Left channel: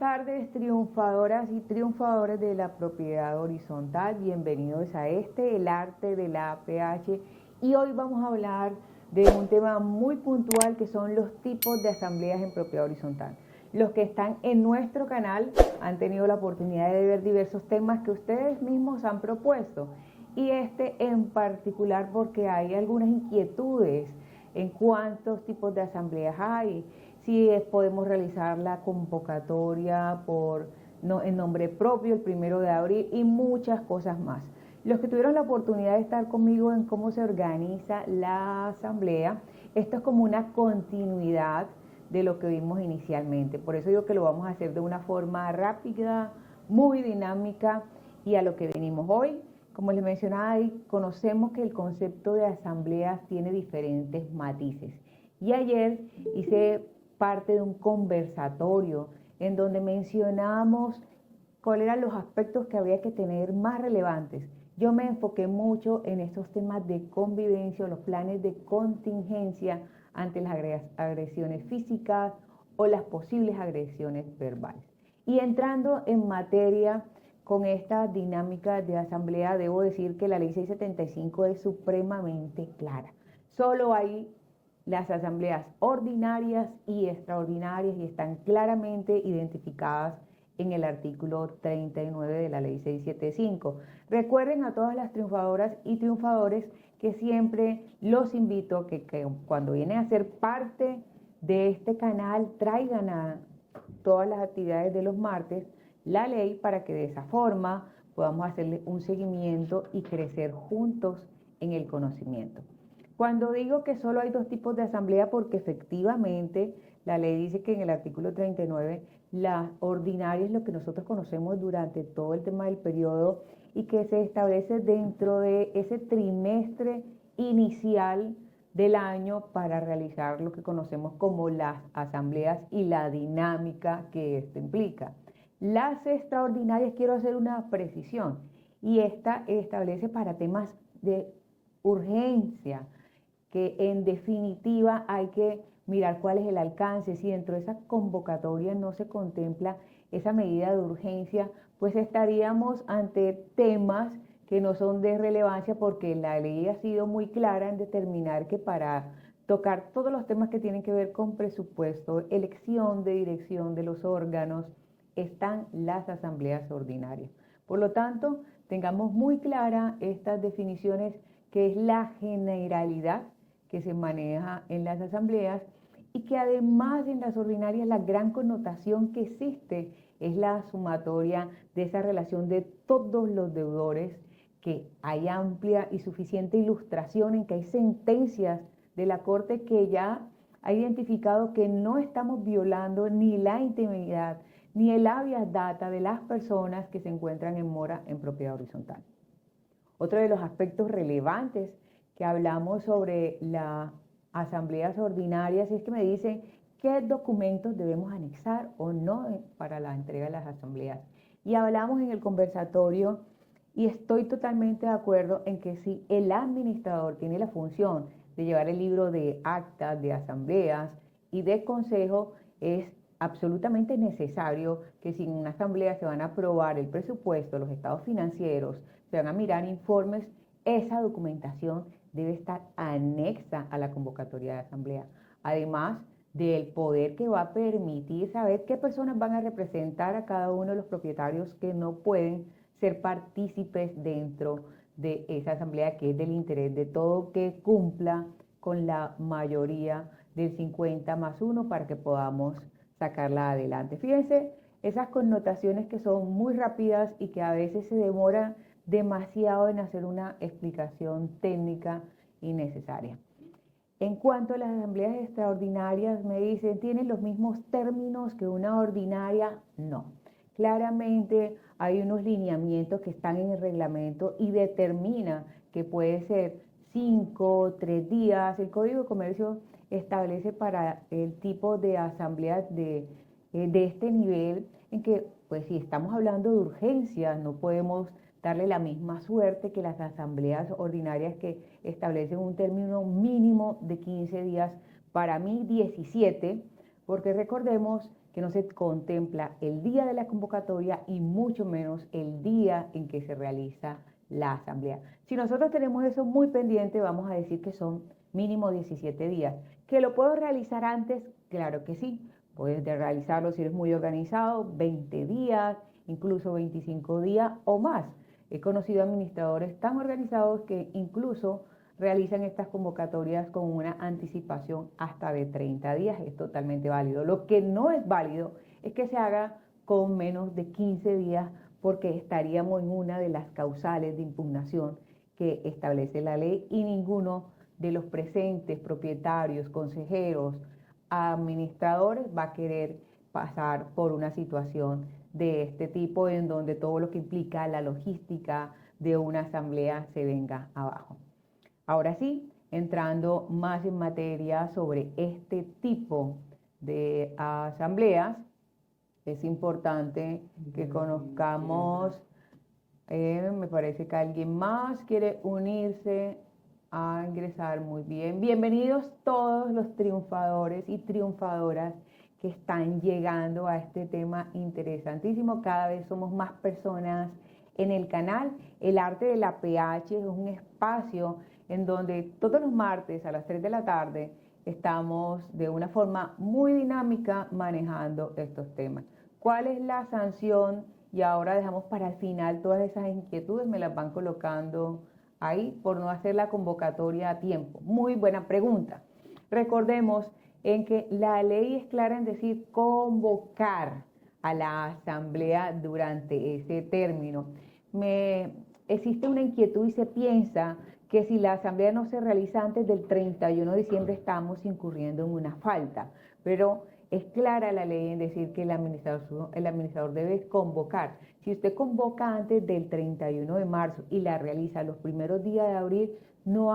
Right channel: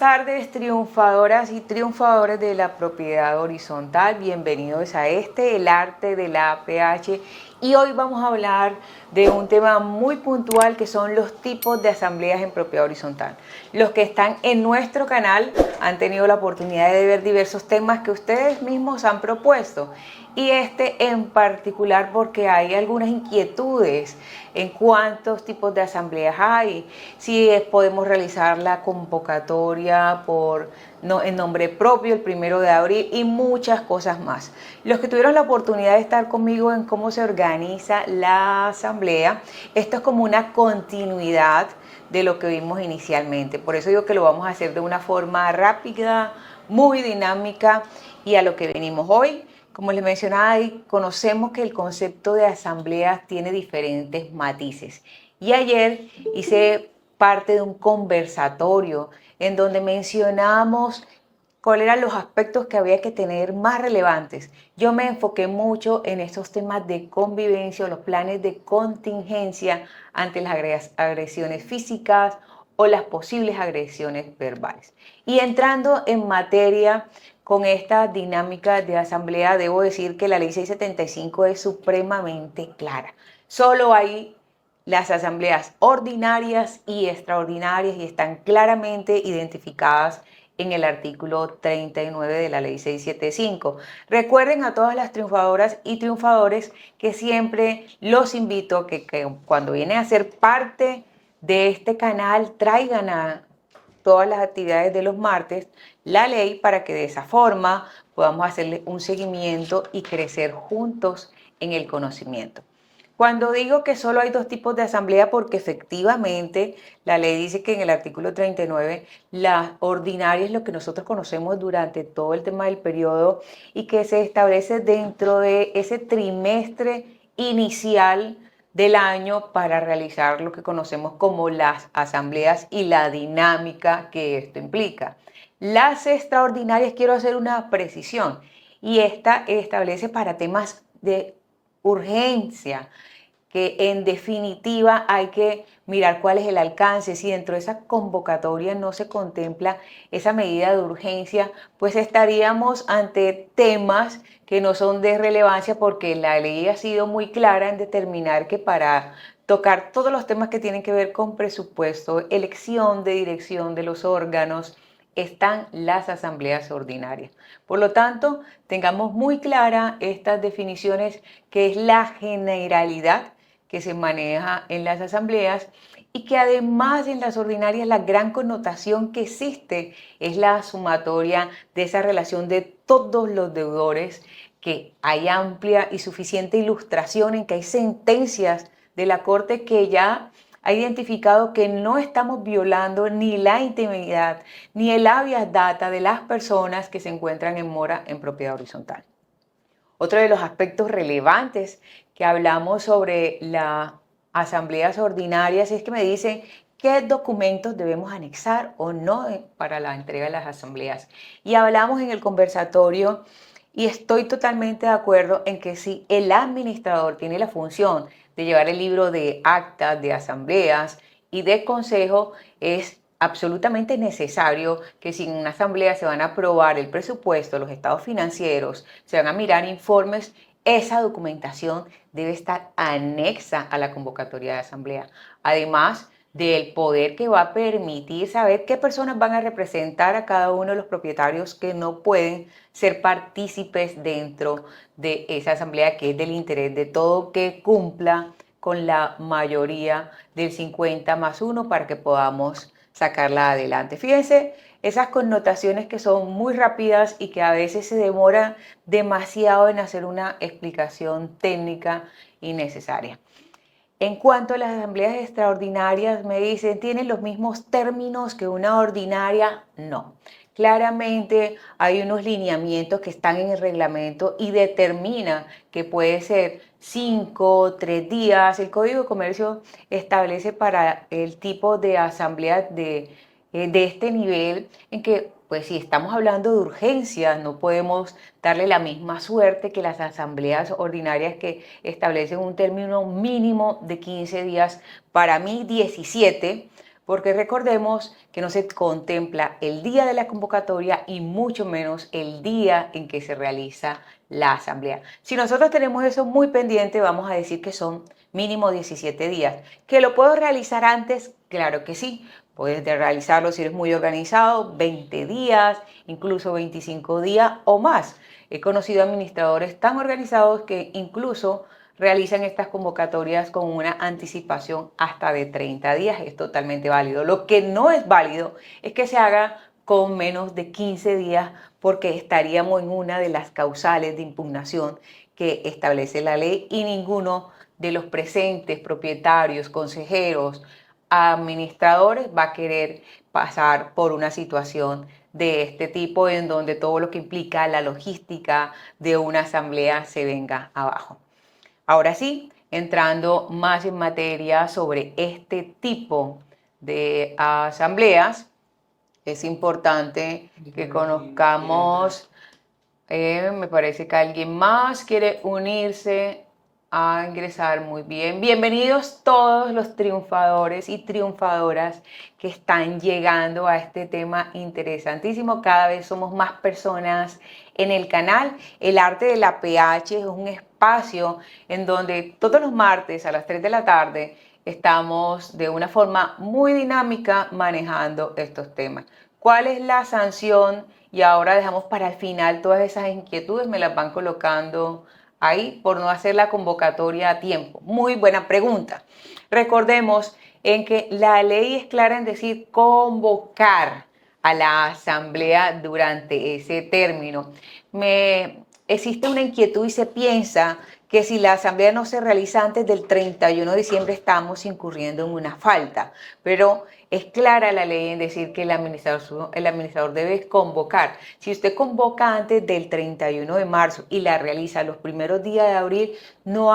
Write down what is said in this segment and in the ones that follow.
tardes, triunfadoras y triunfadores de la propiedad horizontal. Bienvenidos a el arte de la APH. Y hoy vamos a hablar de un tema muy puntual que son los tipos de asambleas en propiedad horizontal. Los que están en nuestro canal han tenido la oportunidad de ver diversos temas que ustedes mismos han propuesto. Y este en particular porque hay algunas inquietudes en cuántos tipos de asambleas hay, si podemos realizar la convocatoria en nombre propio el 1 de abril y muchas cosas más. Los que tuvieron la oportunidad de estar conmigo en cómo se organiza la asamblea, esto es como una continuidad de lo que vimos inicialmente. Por eso digo que lo vamos a hacer de una forma rápida, muy dinámica y a lo que venimos hoy. Como les mencionaba, conocemos que el concepto de asamblea tiene diferentes matices. Y ayer hice parte de un conversatorio en donde mencionamos cuáles eran los aspectos que había que tener más relevantes. Yo me enfoqué mucho en estos temas de convivencia, los planes de contingencia ante las agresiones físicas o las posibles agresiones verbales. Y entrando en materia con esta dinámica de asamblea, debo decir que la ley 675 es supremamente clara. Solo hay las asambleas ordinarias y extraordinarias y están claramente identificadas en el artículo 39 de la ley 675. Recuerden a todas las triunfadoras y triunfadores que siempre los invito a que cuando vienen a ser parte de este canal traigan a todas las actividades de los martes la ley para que de esa forma podamos hacerle un seguimiento y crecer juntos en el conocimiento. Cuando digo que solo hay dos tipos de asamblea, porque efectivamente la ley dice que en el artículo 39 la ordinaria es lo que nosotros conocemos durante todo el tema del periodo y que se establece dentro de ese trimestre inicial del año para realizar lo que conocemos como las asambleas y la dinámica que esto implica. Las extraordinarias, quiero hacer una precisión, y esta establece para temas de urgencia, que en definitiva hay que mirar cuál es el alcance. Si dentro de esa convocatoria no se contempla esa medida de urgencia, pues estaríamos ante temas que no son de relevancia, porque la ley ha sido muy clara en determinar que para tocar todos los temas que tienen que ver con presupuesto, elección de dirección de los órganos, están las asambleas ordinarias. Por lo tanto, tengamos muy clara estas definiciones, que es la generalidad que se maneja en las asambleas, y que además en las ordinarias la gran connotación que existe es la sumatoria de esa relación de todos los deudores, que hay amplia y suficiente ilustración en que hay sentencias de la Corte que ya ha identificado que no estamos violando ni la intimidad ni el habeas data de las personas que se encuentran en mora en propiedad horizontal. Otro de los aspectos relevantes que hablamos sobre las asambleas ordinarias es que me dicen qué documentos debemos anexar o no para la entrega de las asambleas. Y hablamos en el conversatorio, y estoy totalmente de acuerdo en que si el administrador tiene la función de llevar el libro de actas de asambleas y de consejo, es absolutamente necesario que si en una asamblea se van a aprobar el presupuesto, los estados financieros, se van a mirar informes, esa documentación debe estar anexa a la convocatoria de asamblea. Además del poder que va a permitir saber qué personas van a representar a cada uno de los propietarios que no pueden ser partícipes dentro de esa asamblea, que es del interés de todo que cumpla con la mayoría del 50+1 para que podamos sacarla adelante. Fíjense esas connotaciones que son muy rápidas y que a veces se demora demasiado en hacer una explicación técnica innecesaria. En cuanto a las asambleas extraordinarias, me dicen, ¿tienen los mismos términos que una ordinaria? No. Claramente hay unos lineamientos que están en el reglamento y determina que puede ser 5, 3 días. El Código de Comercio establece para el tipo de asamblea de este nivel en que, pues si estamos hablando de urgencias, no podemos darle la misma suerte que las asambleas ordinarias, que establecen un término mínimo de 15 días, para mí 17, porque recordemos que no se contempla el día de la convocatoria y mucho menos el día en que se realiza la asamblea. Si nosotros tenemos eso muy pendiente, vamos a decir que son mínimo 17 días. ¿Que lo puedo realizar antes? Claro que sí. Puedes realizarlo si eres muy organizado, 20 días, incluso 25 días o más. He conocido administradores tan organizados que incluso realizan estas convocatorias con una anticipación hasta de 30 días. Es totalmente válido. Lo que no es válido es que se haga con menos de 15 días porque estaríamos en una de las causales de impugnación que establece la ley y ninguno de los presentes, propietarios, consejeros, administradores va a querer pasar por una situación de este tipo en donde todo lo que implica la logística de una asamblea se venga abajo. Ahora sí, entrando más en materia sobre este tipo de asambleas, es importante que conozcamos, me parece que alguien más quiere unirse a ingresar. Muy bien. Bienvenidos todos los triunfadores y triunfadoras que están llegando a este tema interesantísimo. Cada vez somos más personas en el canal. El arte de la PH es un espacio en donde todos los martes a las 3 de la tarde estamos de una forma muy dinámica manejando estos temas. ¿Cuál es la sanción? Y ahora dejamos para el final todas esas inquietudes, me las van colocando ahí por no hacer la convocatoria a tiempo. Muy buena pregunta. Recordemos en que la ley es clara en decir convocar a la asamblea durante ese término. Existe una inquietud y se piensa que si la asamblea no se realiza antes del 31 de diciembre estamos incurriendo en una falta, pero es clara la ley en decir que el administrador debe convocar. Si usted convoca antes del 31 de marzo y la realiza los primeros días de abril, no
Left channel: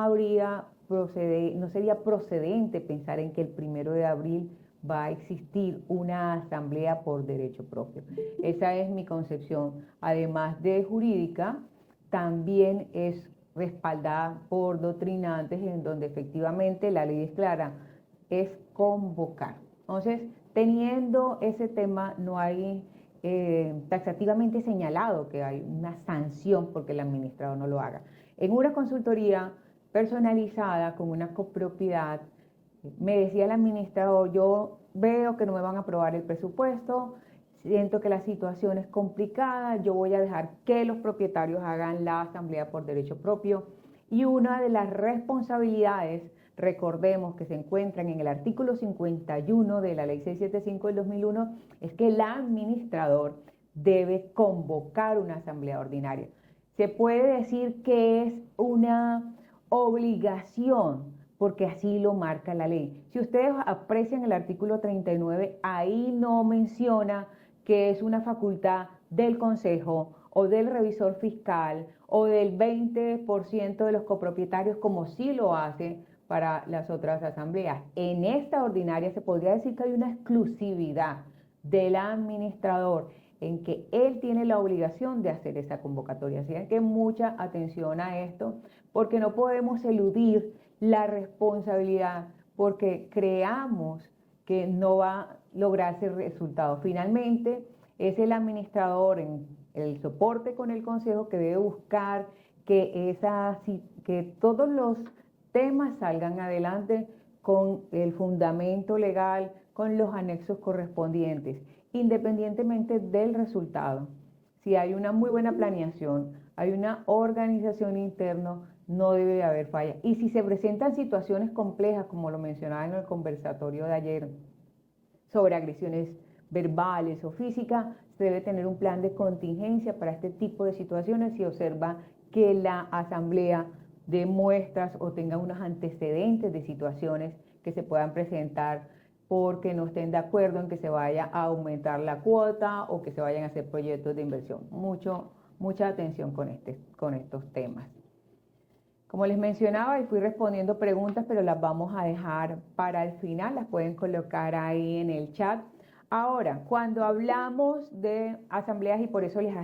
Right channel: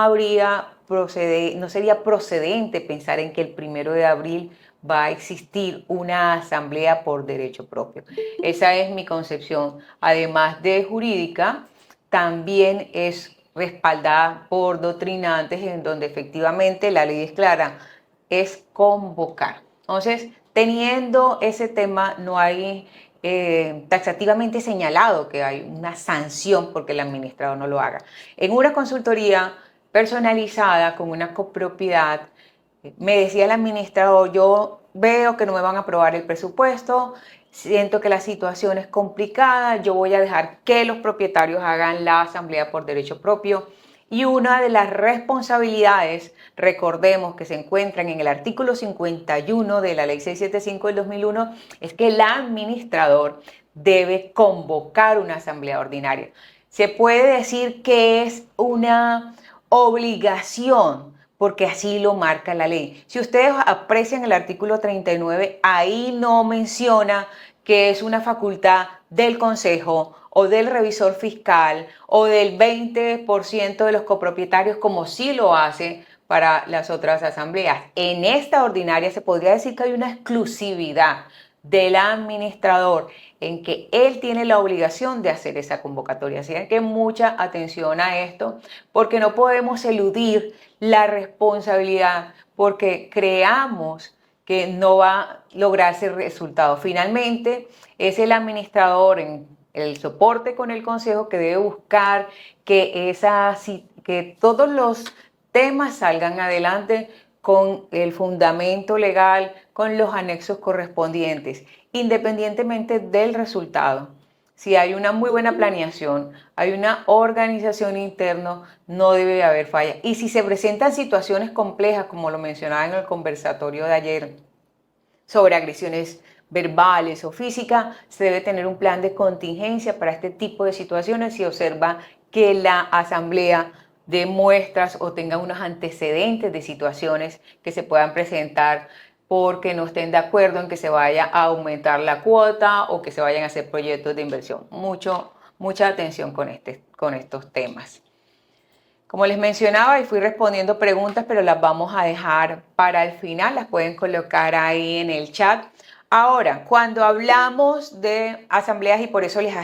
sería procedente pensar en que el 1 de abril va a existir una asamblea por derecho propio. Esa es mi concepción. Además de jurídica, también es respaldada por doctrinantes en donde efectivamente la ley es clara, es convocar. Entonces, teniendo ese tema, no hay taxativamente señalado que hay una sanción porque el administrador no lo haga. En una consultoría personalizada con una copropiedad, me decía el administrador, yo veo que no me van a aprobar el presupuesto, siento que la situación es complicada, yo voy a dejar que los propietarios hagan la asamblea por derecho propio. Y una de las responsabilidades, recordemos que se encuentran en el artículo 51 de la ley 675 del 2001, es que el administrador debe convocar una asamblea ordinaria. Se puede decir que es una obligación, porque así lo marca la ley. Si ustedes aprecian el artículo 39, ahí no menciona que es una facultad del Consejo o del revisor fiscal o del 20% de los copropietarios, como sí lo hace para las otras asambleas. En esta ordinaria se podría decir que hay una exclusividad del administrador en que él tiene la obligación de hacer esa convocatoria. Así que mucha atención a esto, porque no podemos eludir la responsabilidad porque creamos que no va a lograrse el resultado. Finalmente, es el administrador en el soporte con el consejo que debe buscar que todos los temas salgan adelante con el fundamento legal, con los anexos correspondientes, independientemente del resultado. Si hay una muy buena planeación, hay una organización interna, no debe haber falla. Y si se presentan situaciones complejas, como lo mencionaba en el conversatorio de ayer, sobre agresiones verbales o físicas, se debe tener un plan de contingencia para este tipo de situaciones si observa que la asamblea dé muestras o tenga unos antecedentes de situaciones que se puedan presentar porque no estén de acuerdo en que se vaya a aumentar la cuota o que se vayan a hacer proyectos de inversión. Mucha atención con estos temas. Como les mencionaba, y fui respondiendo preguntas, pero las vamos a dejar para el final, las pueden colocar ahí en el chat. Ahora, cuando hablamos de asambleas, y por eso les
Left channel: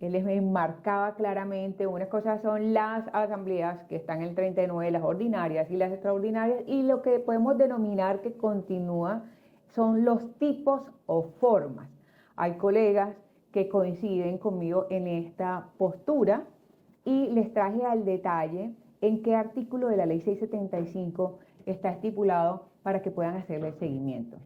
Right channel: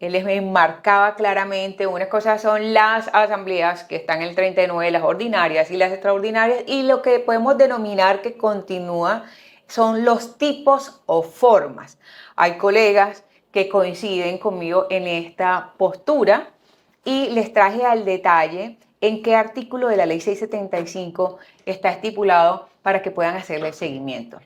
enmarcaba claramente, unas cosas son las asambleas que están en el 39, las ordinarias y las extraordinarias, y lo que podemos denominar que continúa son los tipos o formas. Hay colegas que coinciden conmigo en esta postura y les traje al detalle en qué artículo de la ley 675 está estipulado para que puedan hacerle el seguimiento.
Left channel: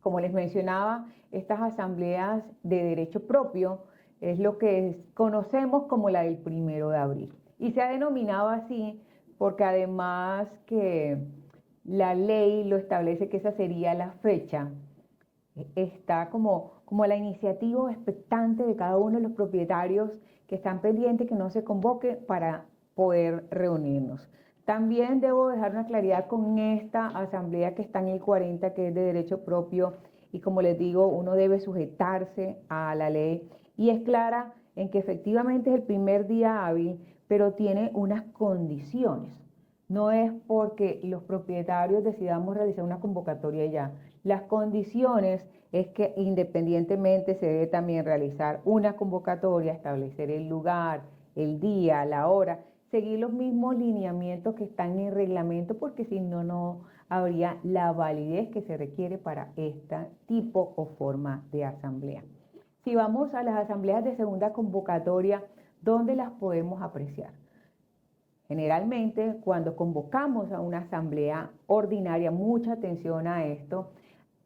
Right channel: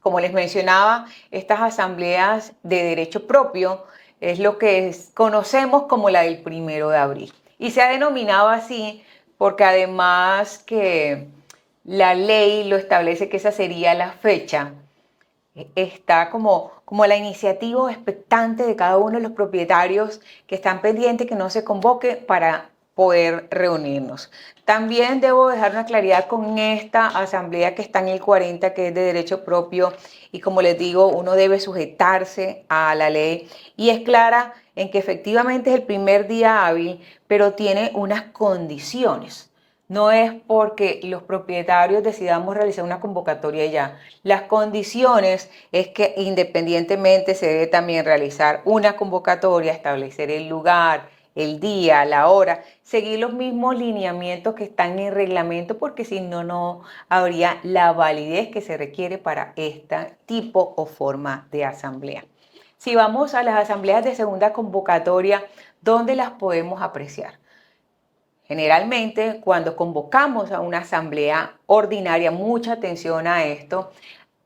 Como les mencionaba, estas asambleas de derecho propio es lo que conocemos como la del 1 de abril. Y se ha denominado así porque además que la ley lo establece que esa sería la fecha, está como la iniciativa expectante de cada uno de los propietarios que están pendientes que no se convoque para poder reunirnos. También debo dejar una claridad con esta asamblea que está en el 40, que es de derecho propio, y como les digo, uno debe sujetarse a la ley y es clara en que efectivamente es el primer día hábil, pero tiene unas condiciones. No es porque los propietarios decidamos realizar una convocatoria ya. Las condiciones es que independientemente se debe también realizar una convocatoria, establecer el lugar, el día, la hora, seguir los mismos lineamientos que están en el reglamento, porque si no, no habría la validez que se requiere para este tipo o forma de asamblea. Si vamos a las asambleas de segunda convocatoria, ¿dónde las podemos apreciar? Generalmente, cuando convocamos a una asamblea ordinaria, mucha atención a esto,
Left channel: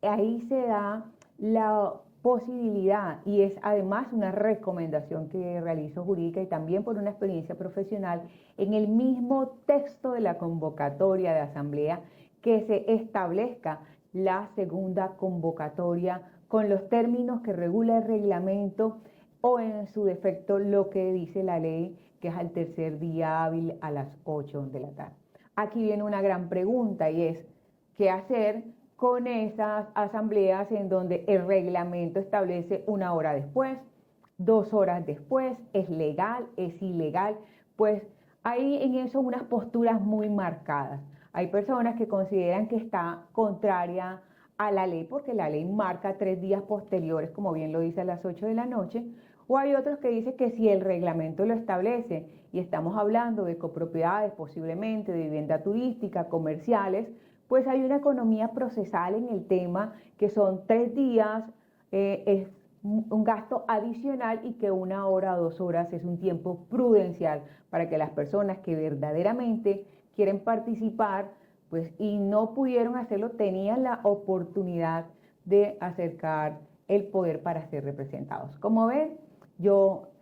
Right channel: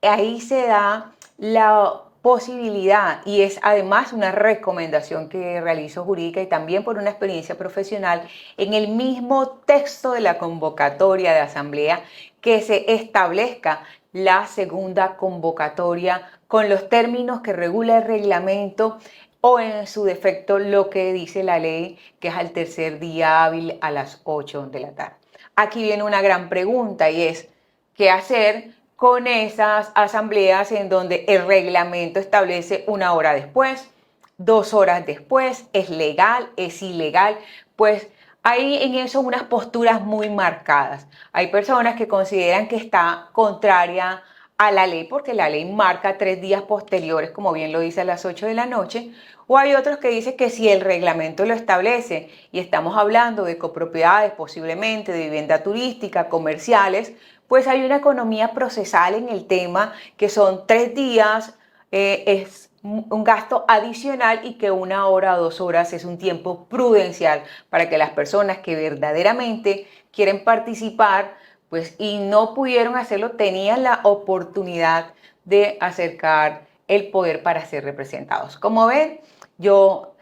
ahí se da la posibilidad, y es además una recomendación que realizo jurídica y también por una experiencia profesional, en el mismo texto de la convocatoria de asamblea, que se establezca la segunda convocatoria con los términos que regula el reglamento o en su defecto lo que dice la ley, que es al tercer día hábil a las 8 de la tarde. Aquí viene una gran pregunta y es, ¿qué hacer con esas asambleas en donde el reglamento establece 1 hora después, 2 horas después? ¿Es legal? ¿Es ilegal? Pues hay en eso unas posturas muy marcadas. Hay personas que consideran que está contraria a la ley porque la ley marca 3 días posteriores, como bien lo dice, a las 8 de la noche, o hay otros que dicen que si el reglamento lo establece y estamos hablando de copropiedades, posiblemente de vivienda turística, comerciales, pues hay una economía procesal en el tema, que son 3 días, es un gasto adicional y que 1 hora o 2 horas es un tiempo prudencial para que las personas que verdaderamente quieren participar, pues y no pudieron hacerlo, tenían la oportunidad de acercar el poder para ser representados. Como ven, yo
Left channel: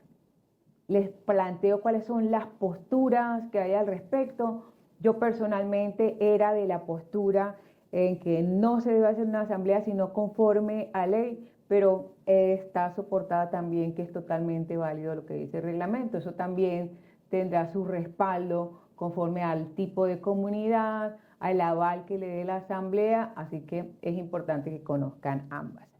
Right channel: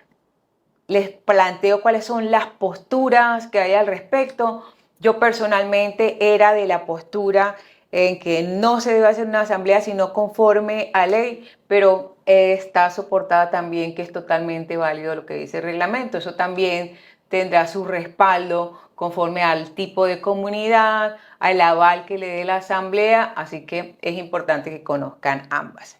les planteo cuáles son las posturas que hay al respecto. Yo personalmente era de la postura en que no se debe hacer una asamblea sino conforme a ley, pero está soportada también que es totalmente válido lo que dice el reglamento. Eso también tendrá su respaldo conforme al tipo de comunidad, al aval que le dé la asamblea, así que es importante que conozcan ambas.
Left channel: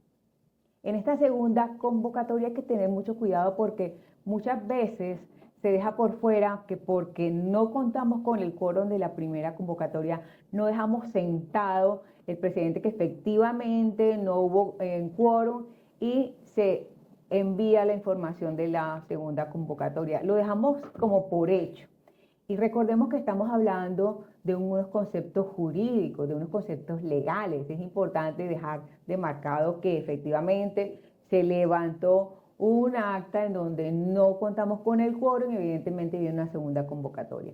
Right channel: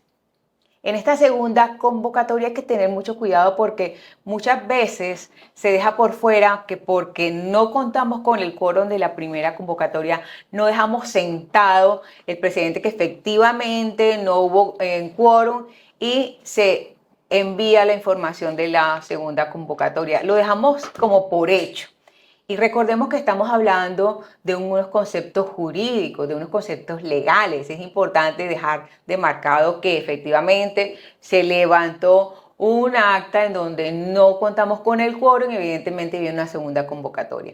En esta segunda convocatoria hay que tener mucho cuidado porque muchas veces se deja por fuera que porque no contamos con el quórum de la primera convocatoria, no dejamos sentado el presidente que efectivamente no hubo quórum y se envía la información de la segunda convocatoria. Lo dejamos como por hecho. Y recordemos que estamos hablando de unos conceptos jurídicos, de unos conceptos legales. Es importante dejar demarcado que efectivamente se levantó un acta en donde no contamos con el quórum y evidentemente viene una segunda convocatoria.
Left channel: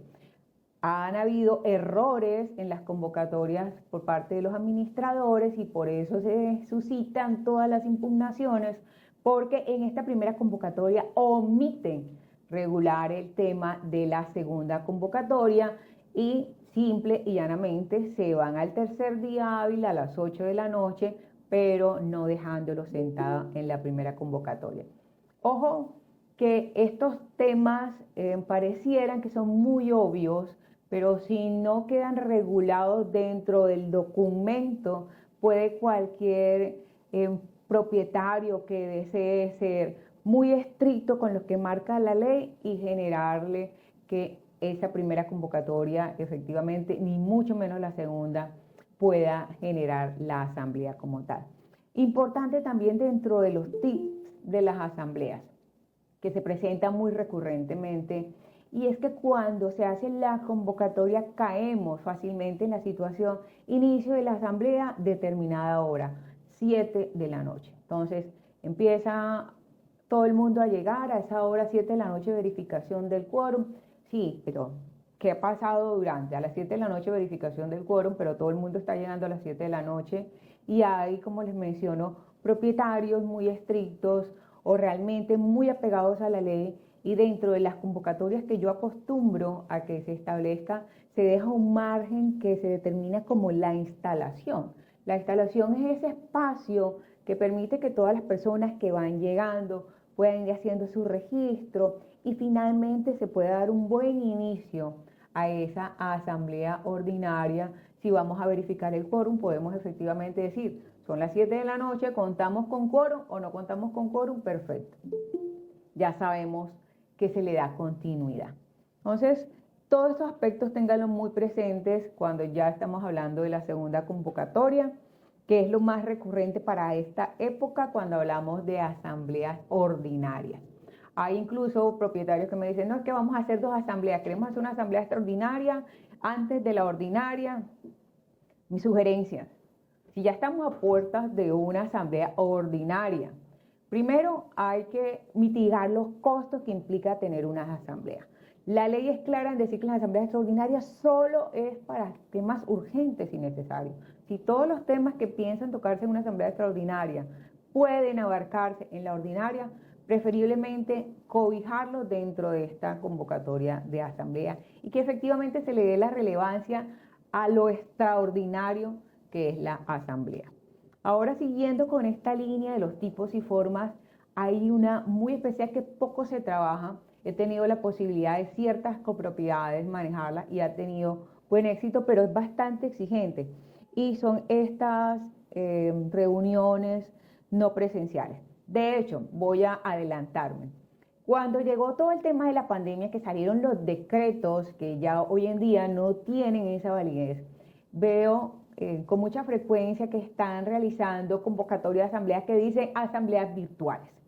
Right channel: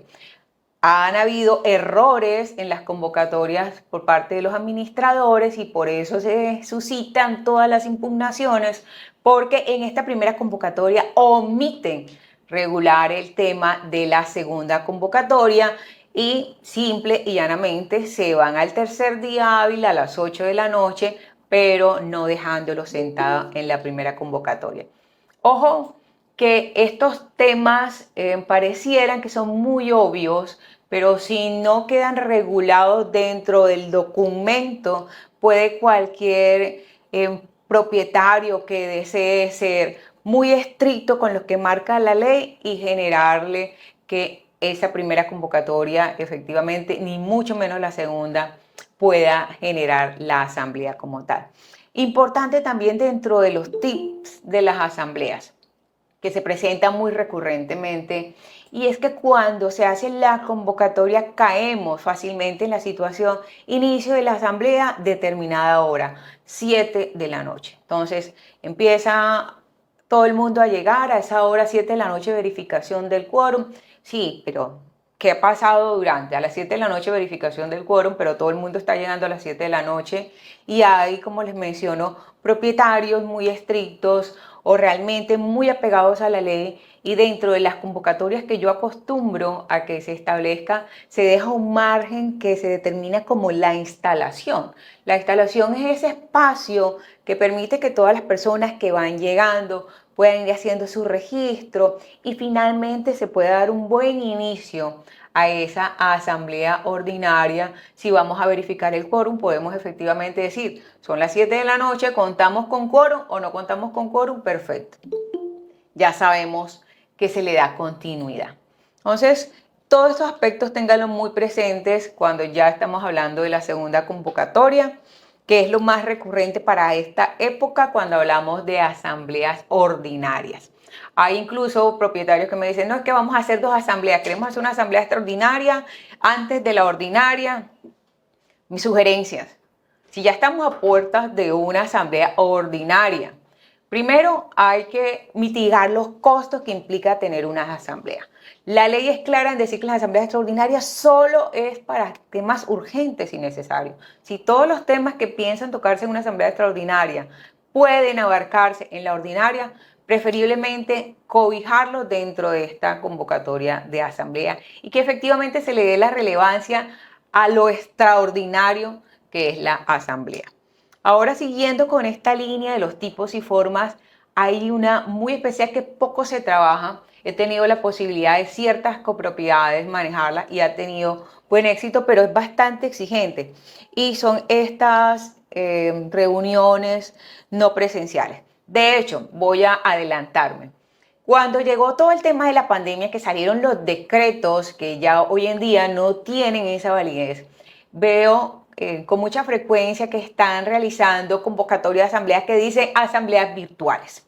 Han habido errores en las convocatorias por parte de los administradores y por eso se suscitan todas las impugnaciones, porque en esta primera convocatoria omiten regular el tema de la segunda convocatoria y simple y llanamente se van al tercer día hábil a las 8 de la noche, pero no dejándolo sentado en la primera convocatoria. Ojo que estos temas parecieran que son muy obvios, pero si no quedan regulados dentro del documento, puede cualquier propietario que desee ser muy estricto con lo que marca la ley y generarle que esa primera convocatoria efectivamente, ni mucho menos la segunda, pueda generar la asamblea como tal. Importante también dentro de los tips de las asambleas que se presentan muy recurrentemente y es que cuando se hace la convocatoria caemos fácilmente en la situación inicio de la asamblea determinada hora, 7 de la noche. Entonces empieza todo el mundo a llegar a esa hora, 7 de la noche, verificación del quórum. Sí, pero ¿qué ha pasado durante? A las 7 de la noche verificación del quórum, pero todo el mundo está llegando a las 7 de la noche y hay, como les menciono, propietarios muy estrictos o realmente muy apegados a la ley, y dentro de las convocatorias que yo acostumbro a que se establezca, se deja un margen que se determina como la instalación. La instalación es ese espacio que permite que todas las personas que van llegando puedan ir haciendo su registro y finalmente se pueda dar un buen inicio a esa asamblea ordinaria. Si vamos a verificar el quórum, podemos efectivamente decir, son las 7 de la noche, ¿contamos con quórum o no contamos con quórum? Perfecto. Ya sabemos que se le da continuidad. Entonces, todos estos aspectos ténganlo muy presentes cuando ya estamos hablando de la segunda convocatoria, que es lo más recurrente para esta época cuando hablamos de asambleas ordinarias. Hay incluso propietarios que me dicen, no, es que vamos a hacer 2 asambleas, queremos hacer una asamblea extraordinaria antes de la ordinaria. Mis sugerencias, si ya estamos a puertas de una asamblea ordinaria, primero hay que mitigar los costos que implica tener unas asambleas. La ley es clara en decir que las asambleas extraordinarias solo es para temas urgentes y necesarios. Si todos los temas que piensan tocarse en una asamblea extraordinaria pueden abarcarse en la ordinaria, preferiblemente cobijarlos dentro de esta convocatoria de asamblea y que efectivamente se le dé la relevancia a lo extraordinario que es la asamblea. Ahora, siguiendo con esta línea de los tipos y formas, hay una muy especial que poco se trabaja. He tenido la posibilidad de ciertas copropiedades manejarla y ha tenido buen éxito, pero es bastante exigente. Y son estas reuniones no presenciales. De hecho, voy a adelantarme. Cuando llegó todo el tema de la pandemia, que salieron los decretos que ya hoy en día no tienen esa validez, veo con mucha frecuencia que están realizando convocatorias de asambleas que dicen asambleas virtuales.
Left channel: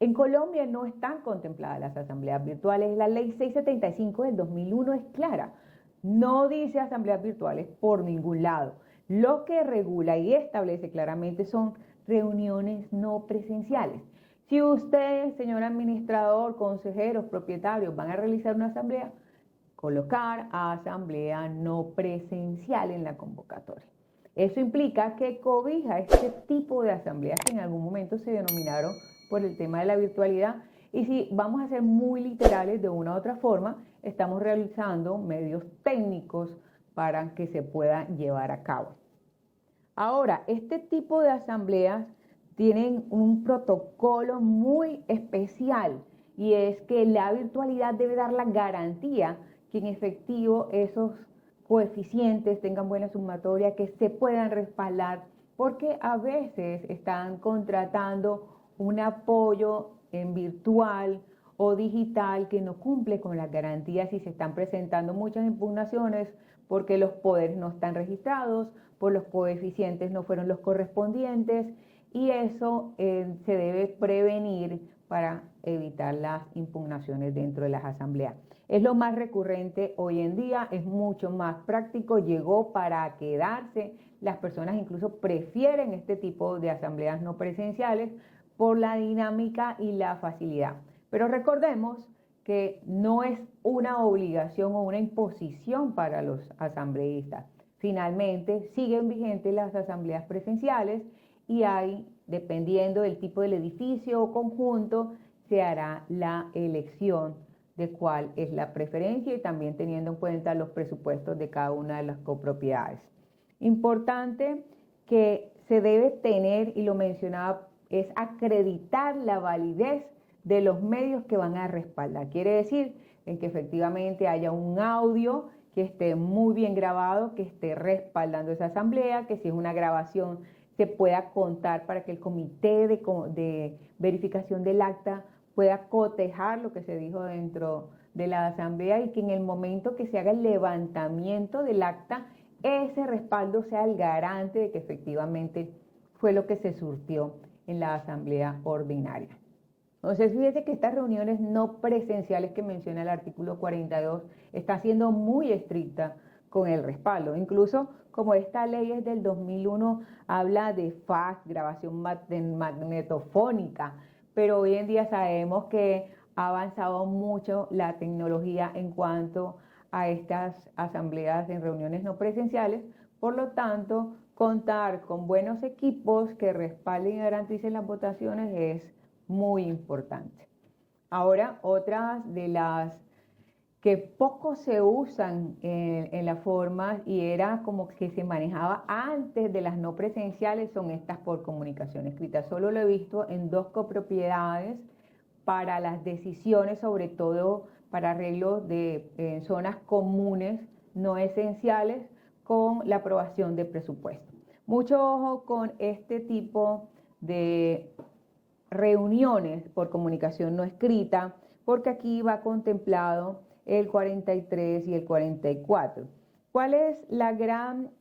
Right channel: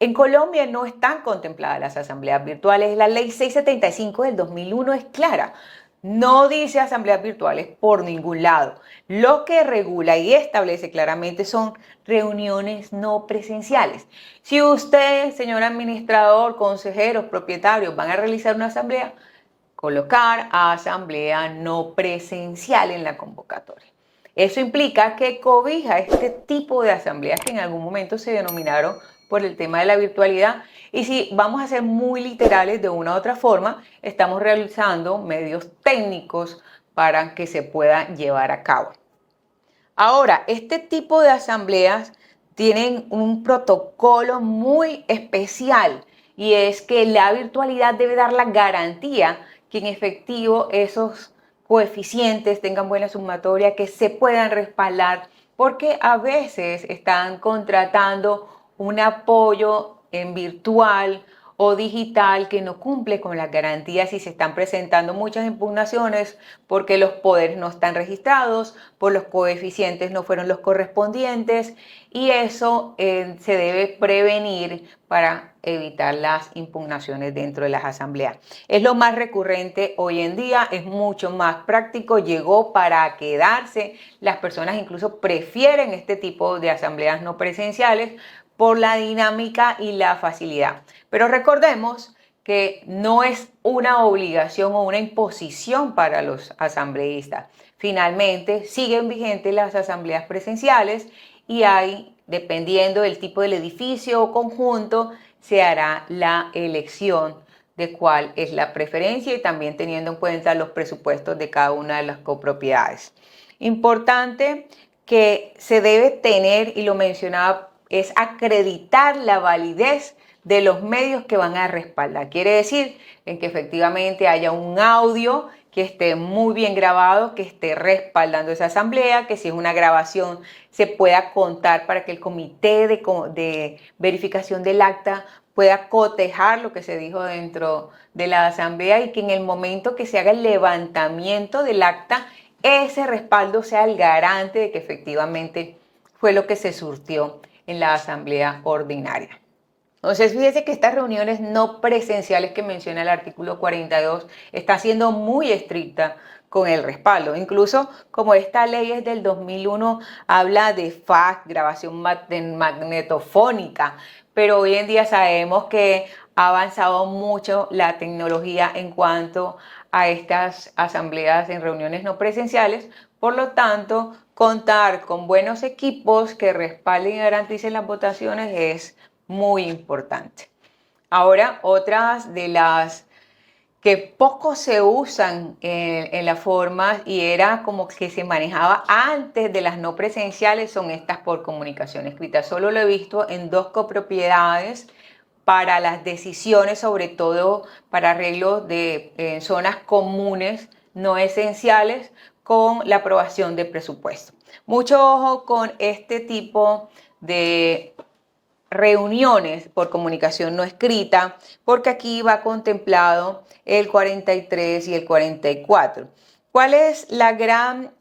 En Colombia no están contempladas las asambleas virtuales. La ley 675 del 2001 es clara. No dice asambleas virtuales por ningún lado. Lo que regula y establece claramente son reuniones no presenciales. Si usted, señor administrador, consejeros, propietarios, van a realizar una asamblea, colocar asamblea no presencial en la convocatoria. Eso implica que cobija este tipo de asambleas que en algún momento se denominaron por el tema de la virtualidad. Y si vamos a ser muy literales de una u otra forma, estamos realizando medios técnicos para que se puedan llevar a cabo. Ahora, este tipo de asambleas tienen un protocolo muy especial y es que la virtualidad debe dar la garantía que en efectivo esos coeficientes tengan buena sumatoria, que se puedan respaldar, porque a veces están contratando un apoyo en virtual o digital que no cumple con las garantías y se están presentando muchas impugnaciones porque los poderes no están registrados, por los coeficientes no fueron los correspondientes, y eso se debe prevenir para evitar las impugnaciones dentro de las asambleas. Es lo más recurrente hoy en día, es mucho más práctico, llegó para quedarse. Las personas incluso prefieren este tipo de asambleas no presenciales por la dinámica y la facilidad. Pero recordemos que no es una obligación o una imposición para los asambleístas. Finalmente, siguen vigentes las asambleas presenciales y hay, dependiendo del tipo del edificio o conjunto, se hará la elección de cuál es la preferencia y también teniendo en cuenta los presupuestos de cada una de las copropiedades. Importante que se debe tener, y lo mencionaba, es acreditar la validez de los medios que van a respaldar. Quiere decir en que efectivamente haya un audio que esté muy bien grabado, que esté respaldando esa asamblea, que si es una grabación se pueda contar para que el comité de verificación del acta pueda cotejar lo que se dijo dentro de la asamblea y que en el momento que se haga el levantamiento del acta, ese respaldo sea el garante de que efectivamente fue lo que se surtió en la asamblea ordinaria. Entonces, fíjese que estas reuniones no presenciales que menciona el artículo 42 está siendo muy estricta con el respaldo. Incluso como esta ley es del 2001, habla de fax, grabación magnetofónica, pero hoy en día sabemos que ha avanzado mucho la tecnología en cuanto a estas asambleas en reuniones no presenciales. Por lo tanto, contar con buenos equipos que respalden y garanticen las votaciones es muy importante. Ahora, otras de las que poco se usan en las formas y era como que se manejaba antes de las no presenciales son estas por comunicación escrita. Solo lo he visto en 2 copropiedades para las decisiones, sobre todo para arreglos de zonas comunes no esenciales con la aprobación de presupuesto. Mucho ojo con este tipo de reuniones por comunicación no escrita, porque aquí va contemplado el 43 y el 44. ¿Cuál es la gran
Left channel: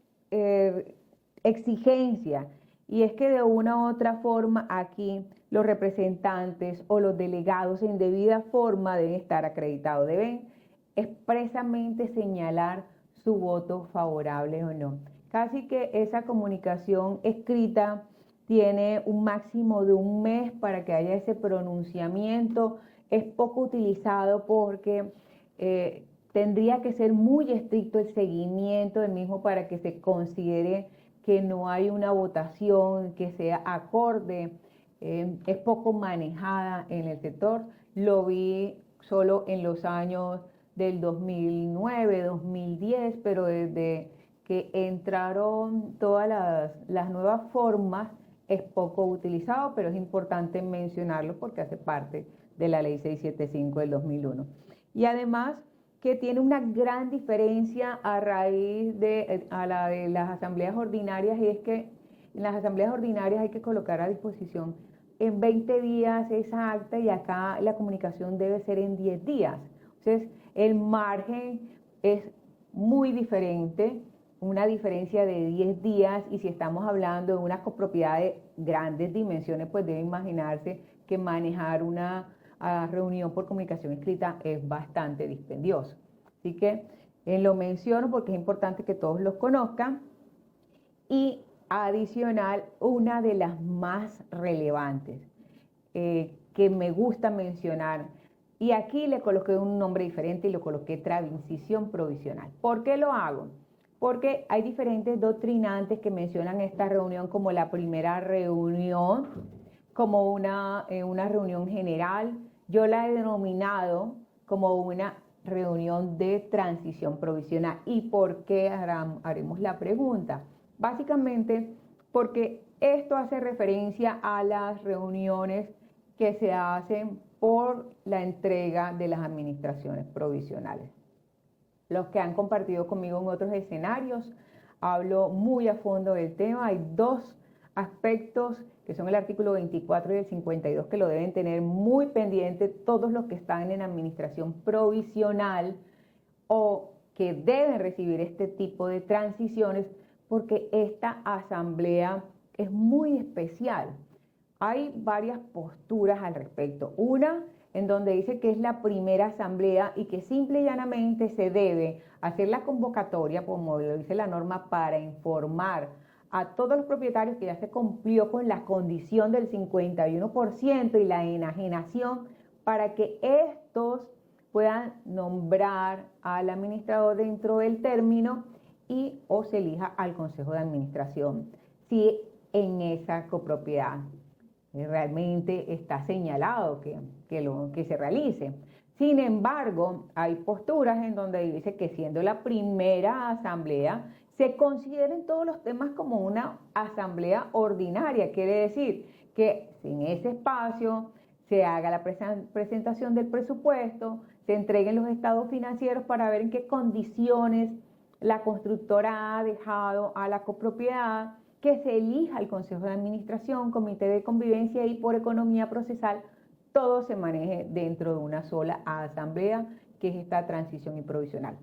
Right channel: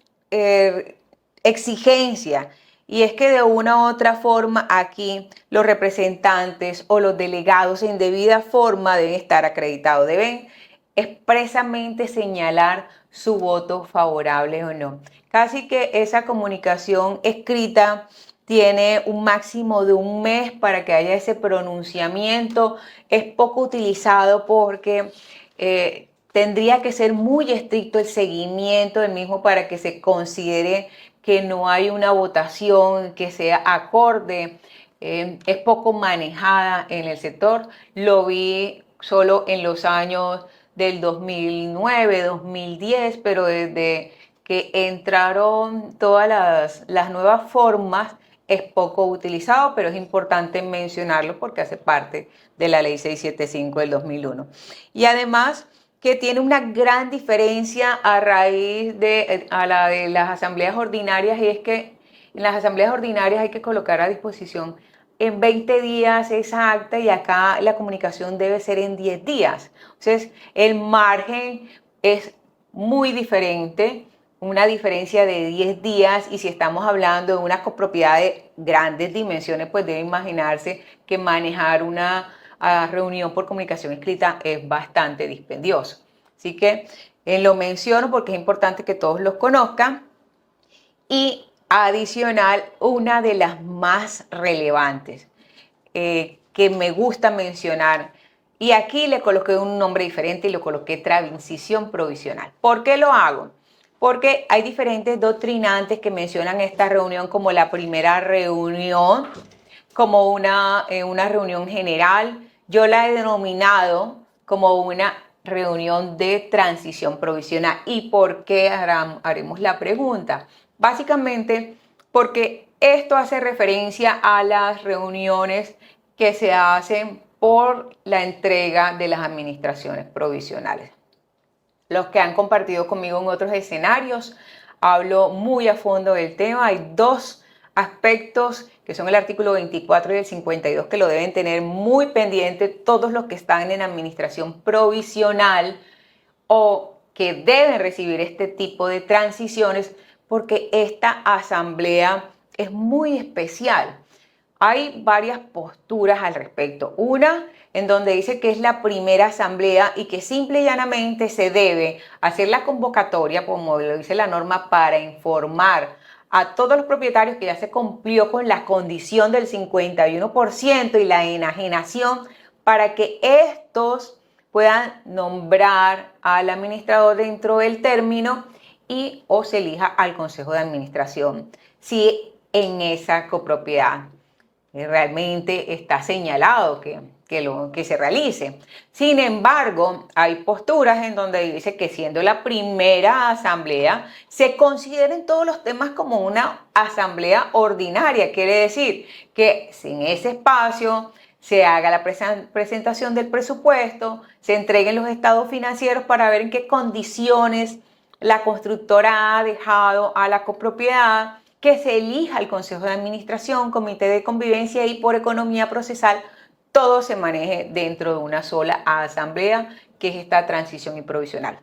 exigencia? Y es que de una u otra forma aquí los representantes o los delegados en debida forma deben estar acreditados, deben expresamente señalar su voto favorable o no. Casi que esa comunicación escrita tiene un máximo de 1 mes para que haya ese pronunciamiento. Es poco utilizado porque tendría que ser muy estricto el seguimiento del mismo para que se considere que no hay una votación que sea acorde. Es poco manejada en el sector. Lo vi solo en los años del 2009, 2010, pero desde que entraron todas las nuevas formas es poco utilizado, pero es importante mencionarlo porque hace parte de la ley 675 del 2001. Y además que tiene una gran diferencia a raíz de a la de las asambleas ordinarias, y es que en las asambleas ordinarias hay que colocar a disposición en 20 días esa acta y acá la comunicación debe ser en 10 días. Entonces, el margen es muy diferente, una diferencia de 10 días, y si estamos hablando de una copropiedad de grandes dimensiones, pues debe imaginarse que manejar una reunión por comunicación escrita es bastante dispendioso. Así que lo menciono porque es importante que todos los conozcan. Y adicional, una de las más relevantes que me gusta mencionar, y aquí le coloqué un nombre diferente y lo coloqué transición provisional. ¿Por qué lo hago? Porque hay diferentes doctrinantes que mencionan esta reunión como la primera reunión, como una reunión general. Yo la he denominado como una reunión de transición provisional. ¿Y por qué haremos la pregunta? Básicamente porque esto hace referencia a las reuniones que se hacen por la entrega de las administraciones provisionales. Los que han compartido conmigo en otros escenarios, hablo muy a fondo del tema. Hay 2 aspectos que son el artículo 24 y el 52 que lo deben tener muy pendiente todos los que están en administración provisional o que deben recibir este tipo de transiciones, porque esta asamblea es muy especial. Hay varias posturas al respecto. Una en donde dice que es la primera asamblea y que simple y llanamente se debe hacer la convocatoria, como lo dice la norma, para informar a todos los propietarios que ya se cumplió con la condición del 51% y la enajenación, para que estos puedan nombrar al administrador dentro del término y o se elija al consejo de administración si en esa copropiedad realmente está señalado que se realice. Sin embargo, hay posturas en donde dice que siendo la primera asamblea, se consideren todos los temas como una asamblea ordinaria. Quiere decir que sin ese espacio se haga la presentación del presupuesto, se entreguen los estados financieros para ver en qué condiciones la constructora ha dejado a la copropiedad, que se elija el consejo de administración, comité de convivencia y por economía procesal, todo se maneje dentro de una sola asamblea, que es esta transición y provisional.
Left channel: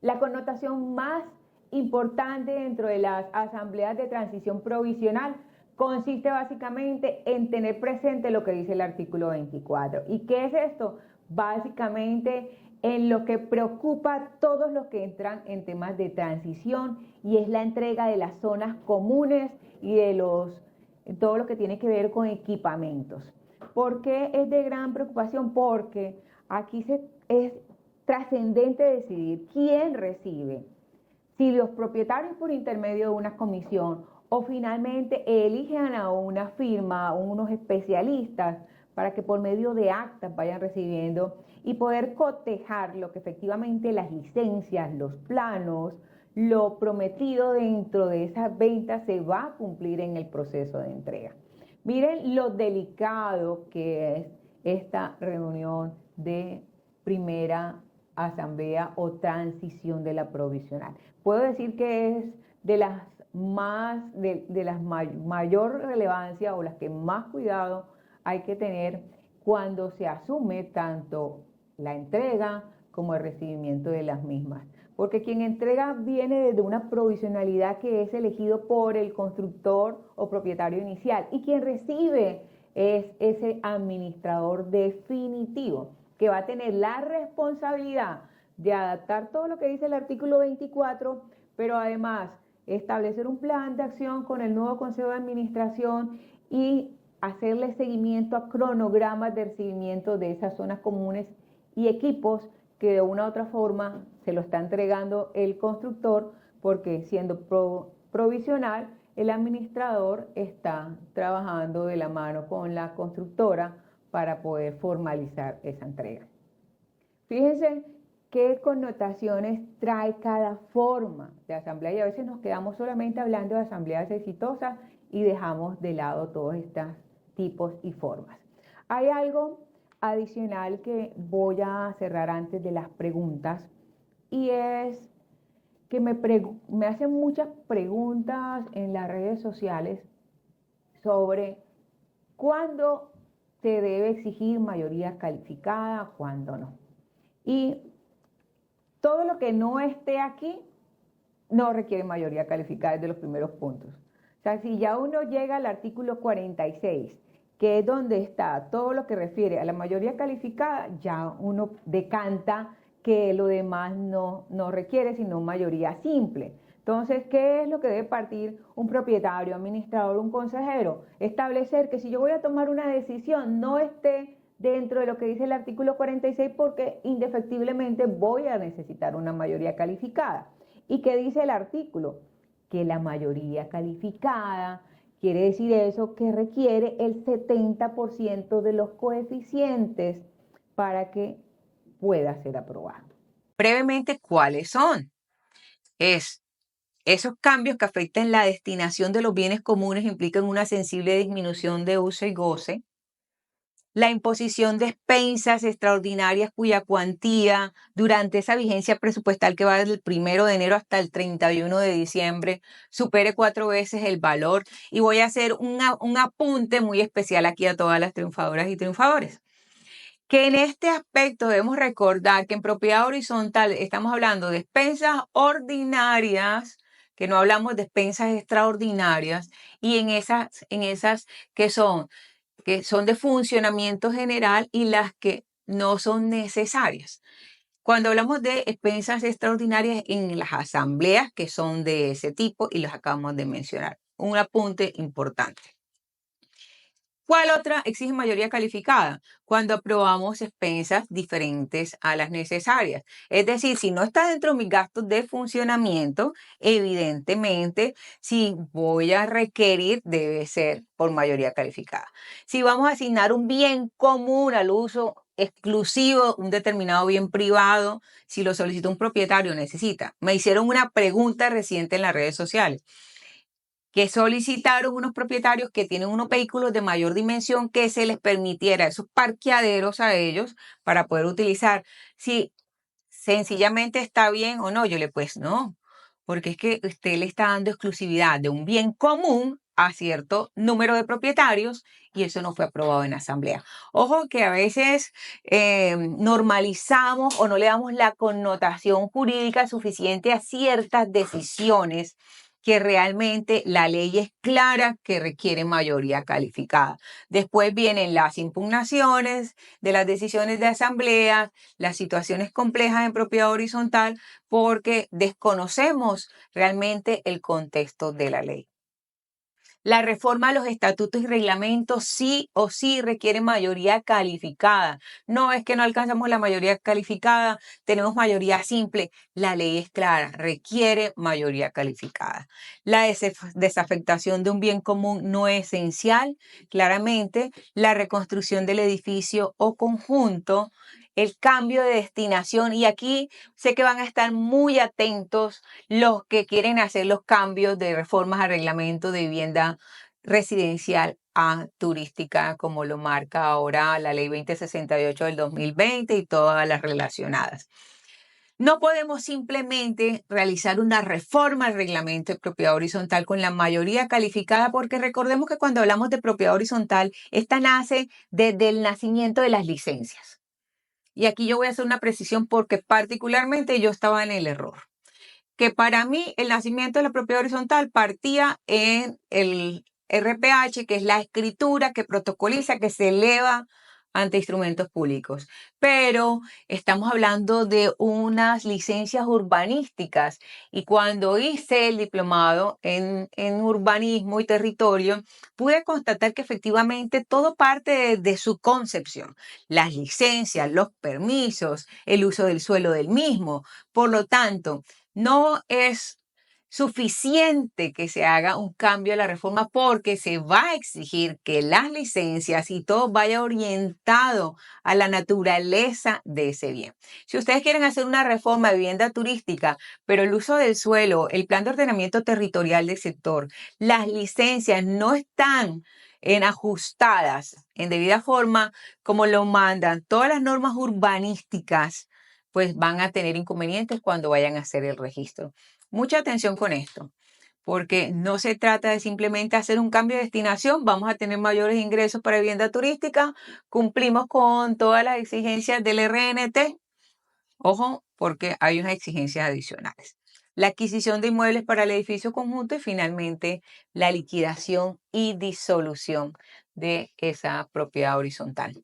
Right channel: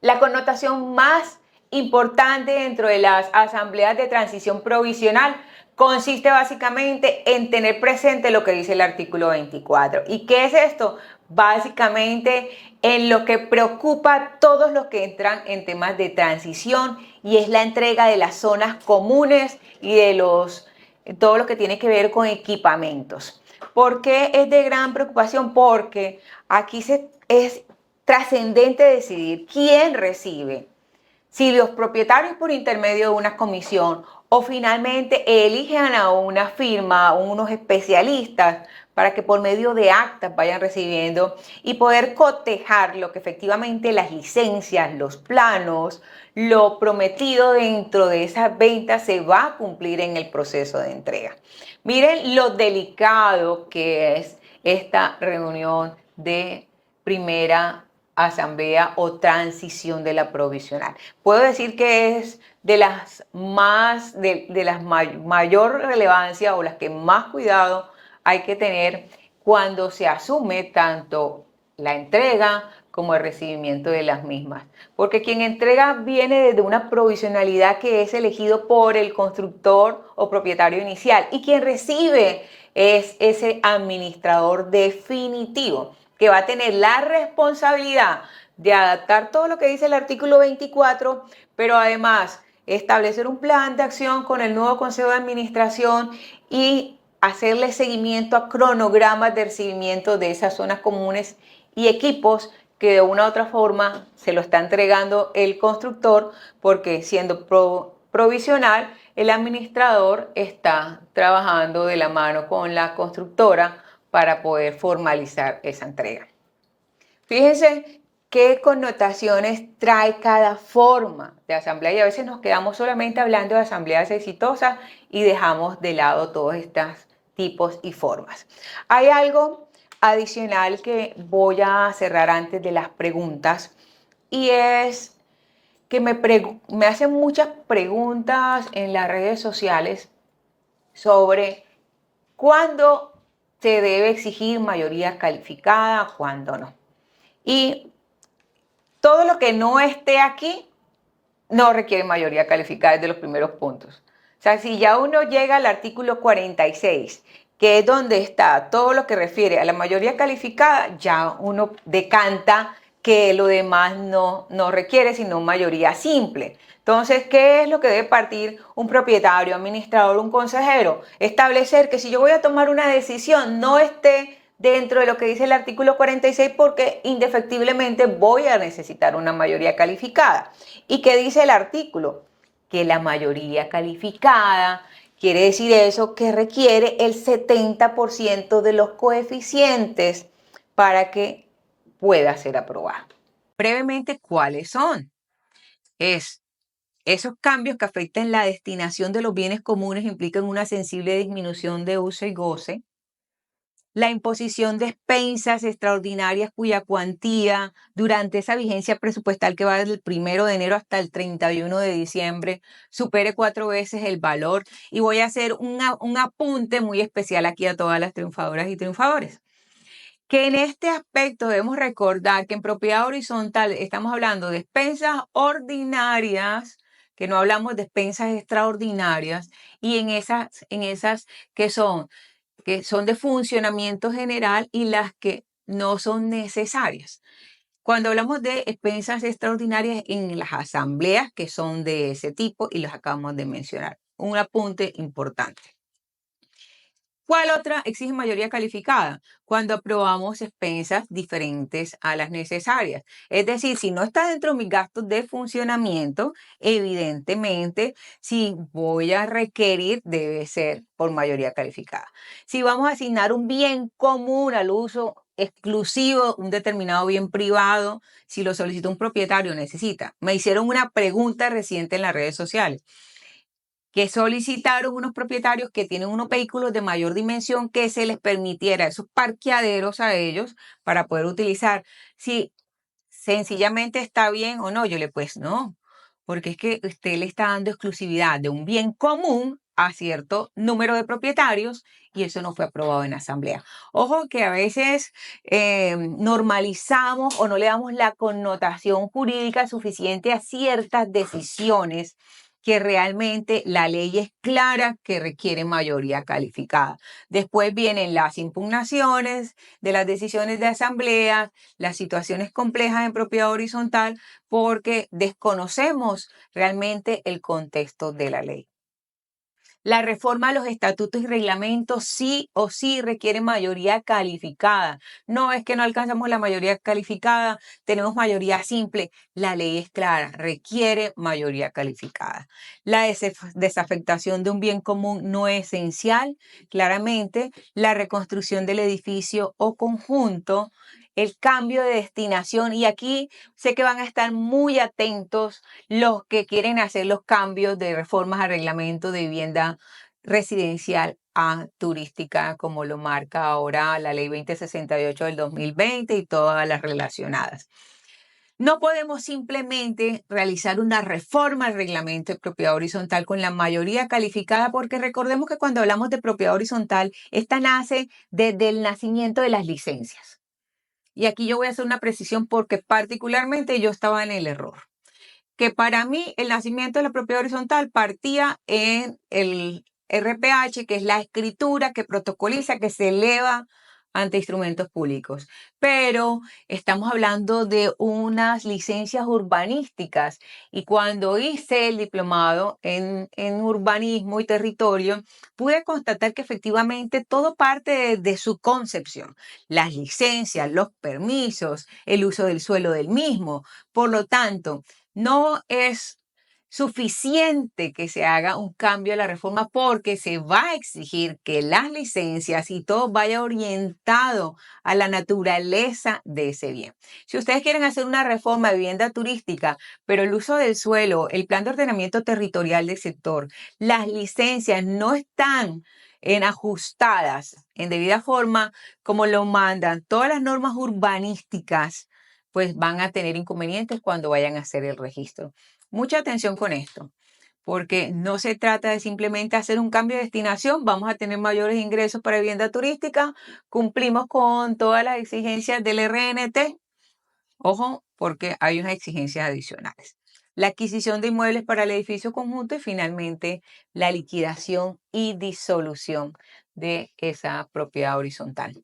La connotación más importante dentro de las asambleas de transición provisional consiste básicamente en tener presente lo que dice el artículo 24. ¿Y qué es esto? Básicamente en lo que preocupa a todos los que entran en temas de transición, y es la entrega de las zonas comunes y de todo lo que tiene que ver con equipamientos. ¿Por qué es de gran preocupación? Porque aquí es trascendente decidir quién recibe, si los propietarios por intermedio de una comisión o finalmente eligen a una firma o unos especialistas para que por medio de actas vayan recibiendo y poder cotejar lo que efectivamente las licencias, los planos, lo prometido dentro de esas ventas se va a cumplir en el proceso de entrega. Miren lo delicado que es esta reunión de primera asamblea o transición de la provisional. Puedo decir que es de las mayor relevancia o las que más cuidado hay que tener cuando se asume tanto la entrega como el recibimiento de las mismas. Porque quien entrega viene desde una provisionalidad que es elegido por el constructor o propietario inicial, y quien recibe es ese administrador definitivo, que va a tener la responsabilidad de adaptar todo lo que dice el artículo 24, pero además establecer un plan de acción con el nuevo Consejo de Administración y hacerle seguimiento a cronogramas de recibimiento de esas zonas comunes y equipos que de una u otra forma se lo está entregando el constructor, porque siendo provisional, el administrador está trabajando de la mano con la constructora para poder formalizar esa entrega. Fíjense qué connotaciones trae cada forma de asamblea, y a veces nos quedamos solamente hablando de asambleas exitosas y dejamos de lado todos estos tipos y formas. Hay algo adicional que voy a cerrar antes de las preguntas, y es que me hacen muchas preguntas en las redes sociales sobre cuándo se debe exigir mayoría calificada, cuándo no. Y todo lo que no esté aquí no requiere mayoría calificada, desde los primeros puntos. O sea, si ya uno llega al artículo 46, que es donde está todo lo que refiere a la mayoría calificada, ya uno decanta que lo demás no requiere sino mayoría simple. Entonces, ¿qué es lo que debe partir un propietario, administrador, un consejero? Establecer que si yo voy a tomar una decisión, no esté dentro de lo que dice el artículo 46, porque indefectiblemente voy a necesitar una mayoría calificada. ¿Y qué dice el artículo? Que la mayoría calificada quiere decir eso, que requiere el 70% de los coeficientes para que pueda ser aprobado. Brevemente, ¿cuáles son? Esos cambios que afectan la destinación de los bienes comunes implican una sensible disminución de uso y goce. La imposición de expensas extraordinarias cuya cuantía durante esa vigencia presupuestal que va desde el 1 de enero hasta el 31 de diciembre supere 4 veces el valor. Y voy a hacer un apunte muy especial aquí a todas las triunfadoras y triunfadores, que en este aspecto debemos recordar que en propiedad horizontal estamos hablando de expensas ordinarias, que no hablamos de expensas extraordinarias, y en esas que son de funcionamiento general y las que no son necesarias. Cuando hablamos de expensas extraordinarias en las asambleas que son de ese tipo, y los acabamos de mencionar. Un apunte importante. ¿Cuál otra exige mayoría calificada? Cuando aprobamos expensas diferentes a las necesarias. Es decir, si no está dentro de mis gastos de funcionamiento, evidentemente, si voy a requerir, debe ser por mayoría calificada. Si vamos a asignar un bien común al uso exclusivo, un determinado bien privado, si lo solicita un propietario, necesita. Me hicieron una pregunta reciente en las redes sociales, que solicitaron unos propietarios que tienen unos vehículos de mayor dimensión, que se les permitiera esos parqueaderos a ellos para poder utilizar. Si sencillamente está bien o no, yo le pues no, porque es que usted le está dando exclusividad de un bien común a cierto número de propietarios, y eso no fue aprobado en asamblea. Ojo que a veces normalizamos o no le damos la connotación jurídica suficiente a ciertas decisiones que realmente la ley es clara que requiere mayoría calificada. Después vienen las impugnaciones de las decisiones de asamblea, las situaciones complejas en propiedad horizontal, porque desconocemos realmente el contexto de la ley. La reforma a los estatutos y reglamentos sí o sí requiere mayoría calificada. No es que no alcanzamos la mayoría calificada, tenemos mayoría simple. La ley es clara, requiere mayoría calificada. La desafectación de un bien común no esencial, claramente. La reconstrucción del edificio o conjunto, el cambio de destinación. Y aquí sé que van a estar muy atentos los que quieren hacer los cambios de reformas al reglamento de vivienda residencial a turística, como lo marca ahora la ley 2068 del 2020 y todas las relacionadas. No podemos simplemente realizar una reforma al reglamento de propiedad horizontal con la mayoría calificada, porque recordemos que cuando hablamos de propiedad horizontal, esta nace desde el nacimiento de las licencias. Y aquí yo voy a hacer una precisión porque particularmente yo estaba en el error. Que para mí el nacimiento de la propiedad horizontal partía en el RPH, que es la escritura que protocoliza, que se eleva ante instrumentos públicos. Pero estamos hablando de unas licencias urbanísticas y cuando hice el diplomado en urbanismo y territorio, pude constatar que efectivamente todo parte de su concepción. Las licencias, los permisos, el uso del suelo del mismo. Por lo tanto, no es suficiente que se haga un cambio a la reforma porque se va a exigir que las licencias y todo vaya orientado a la naturaleza de ese bien. Si ustedes quieren hacer una reforma de vivienda turística, pero el uso del suelo, el plan de ordenamiento territorial del sector, las licencias no están ajustadas en debida forma como lo mandan todas las normas urbanísticas, pues van a tener inconvenientes cuando vayan a hacer el registro. Mucha atención con esto, porque no se trata de simplemente hacer un cambio de destinación, vamos a tener mayores ingresos para vivienda turística, cumplimos con todas las exigencias del RNT, ojo, porque hay unas exigencias adicionales. La adquisición de inmuebles para el edificio conjunto y finalmente la liquidación y disolución de esa propiedad horizontal.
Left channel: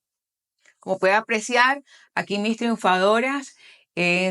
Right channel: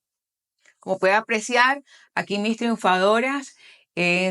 Como puede apreciar, aquí mis triunfadoras,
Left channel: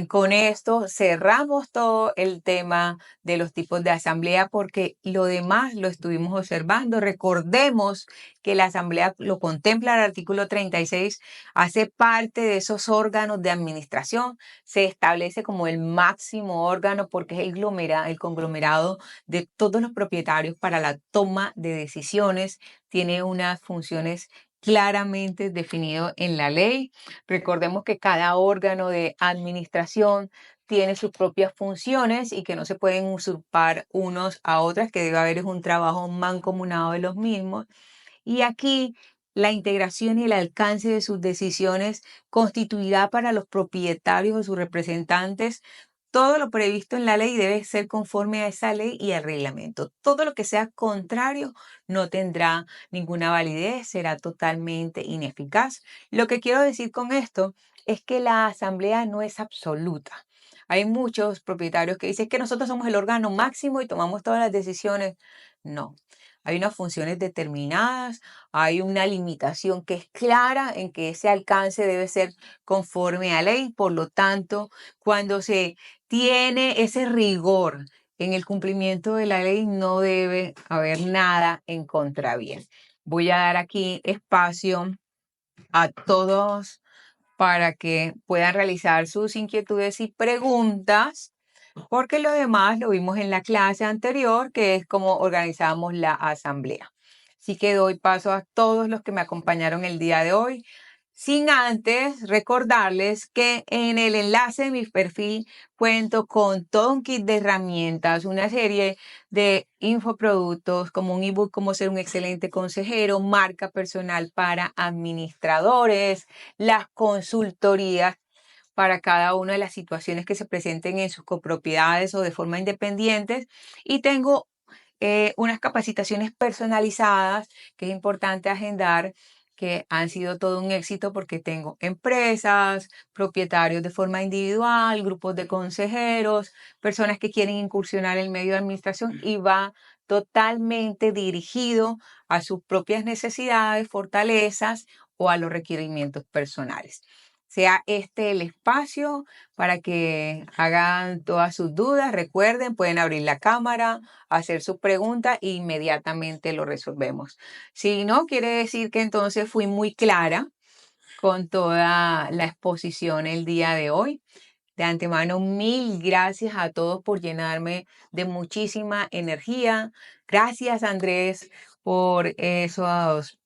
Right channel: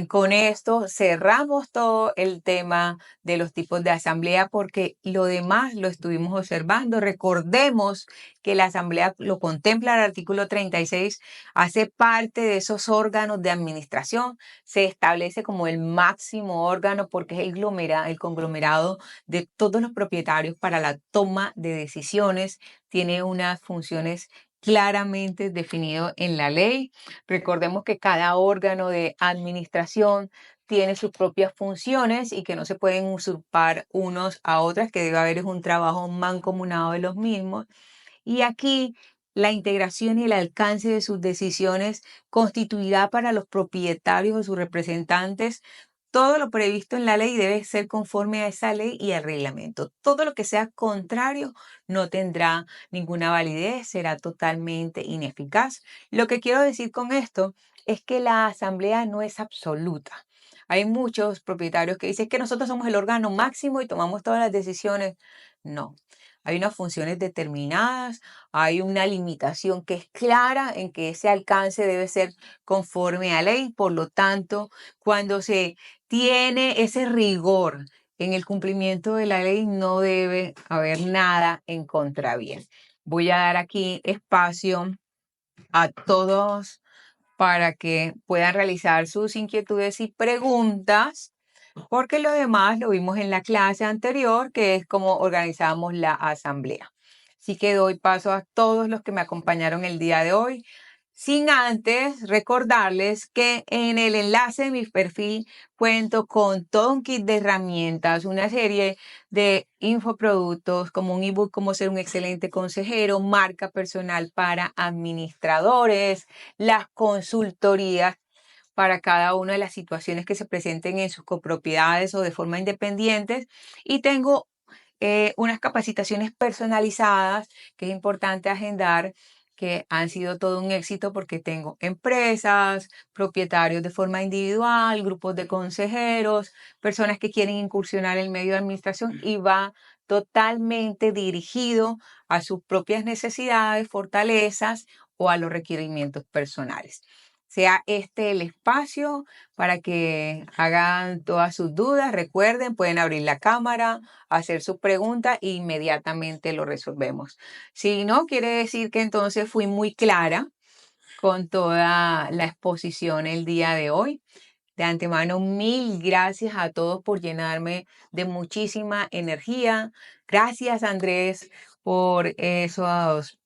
con esto cerramos todo el tema de los tipos de asamblea porque lo demás lo estuvimos observando. Recordemos que la asamblea lo contempla el artículo 36, hace parte de esos órganos de administración, se establece como el máximo órgano porque es el conglomerado de todos los propietarios para la toma de decisiones, tiene unas funciones claramente definido en la ley. Recordemos que cada órgano de administración tiene sus propias funciones y que no se pueden usurpar unos a otras, que debe haber un trabajo mancomunado de los mismos. Y aquí la integración y el alcance de sus decisiones constituirá para los propietarios o sus representantes todo lo previsto en la ley debe ser conforme a esa ley y al reglamento. Todo lo que sea contrario no tendrá ninguna validez, será totalmente ineficaz. Lo que quiero decir con esto es que la asamblea no es absoluta. Hay muchos propietarios que dicen que nosotros somos el órgano máximo y tomamos todas las decisiones. No. Hay unas funciones determinadas, hay una limitación que es clara en que ese alcance debe ser conforme a ley. Por lo tanto, cuando se tiene ese rigor en el cumplimiento de la ley, no debe haber nada en contravía. Voy a dar aquí espacio a todos para que puedan realizar sus inquietudes y preguntas, porque lo demás lo vimos en la clase anterior, que es cómo organizamos la asamblea. Así que doy paso a todos los que me acompañaron el día de hoy. Sin antes recordarles que en el enlace de mi perfil cuento con todo un kit de herramientas, una serie de infoproductos como un ebook, cómo ser un excelente consejero, marca personal para administradores, las consultorías para cada una de las situaciones que se presenten en sus copropiedades o de forma independiente. Y tengo unas capacitaciones personalizadas que es importante agendar que han sido todo un éxito porque tengo empresas, propietarios de forma individual, grupos de consejeros, personas que quieren incursionar en el medio de administración y va totalmente dirigido a sus propias necesidades, fortalezas o a los requerimientos personales. Sea este el espacio para que hagan todas sus dudas. Recuerden, pueden abrir la cámara, hacer sus preguntas e inmediatamente lo resolvemos. Si no, quiere decir que entonces fui muy clara con toda la exposición el día de hoy. De antemano, mil gracias a todos por llenarme de muchísima energía. Gracias, Andrés, por esos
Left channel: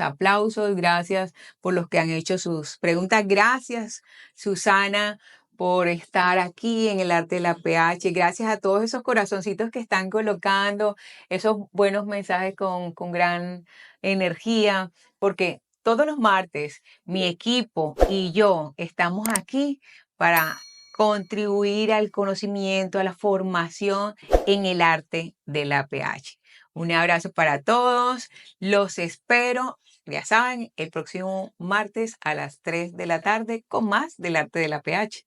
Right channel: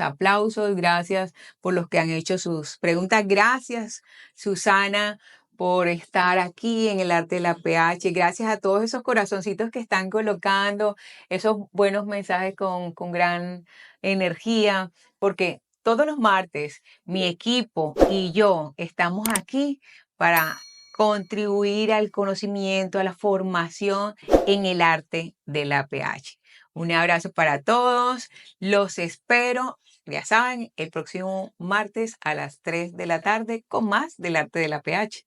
aplausos. Gracias por los que han hecho sus preguntas. Gracias, Susana, por estar aquí en el arte de la PH. Gracias a todos esos corazoncitos que están colocando, esos buenos mensajes con gran energía, porque todos los martes mi equipo y yo estamos aquí para contribuir al conocimiento, a la formación en el arte de la PH. Un abrazo para todos. Los espero, ya saben, el próximo martes a las 3 de la tarde con más del arte de la PH.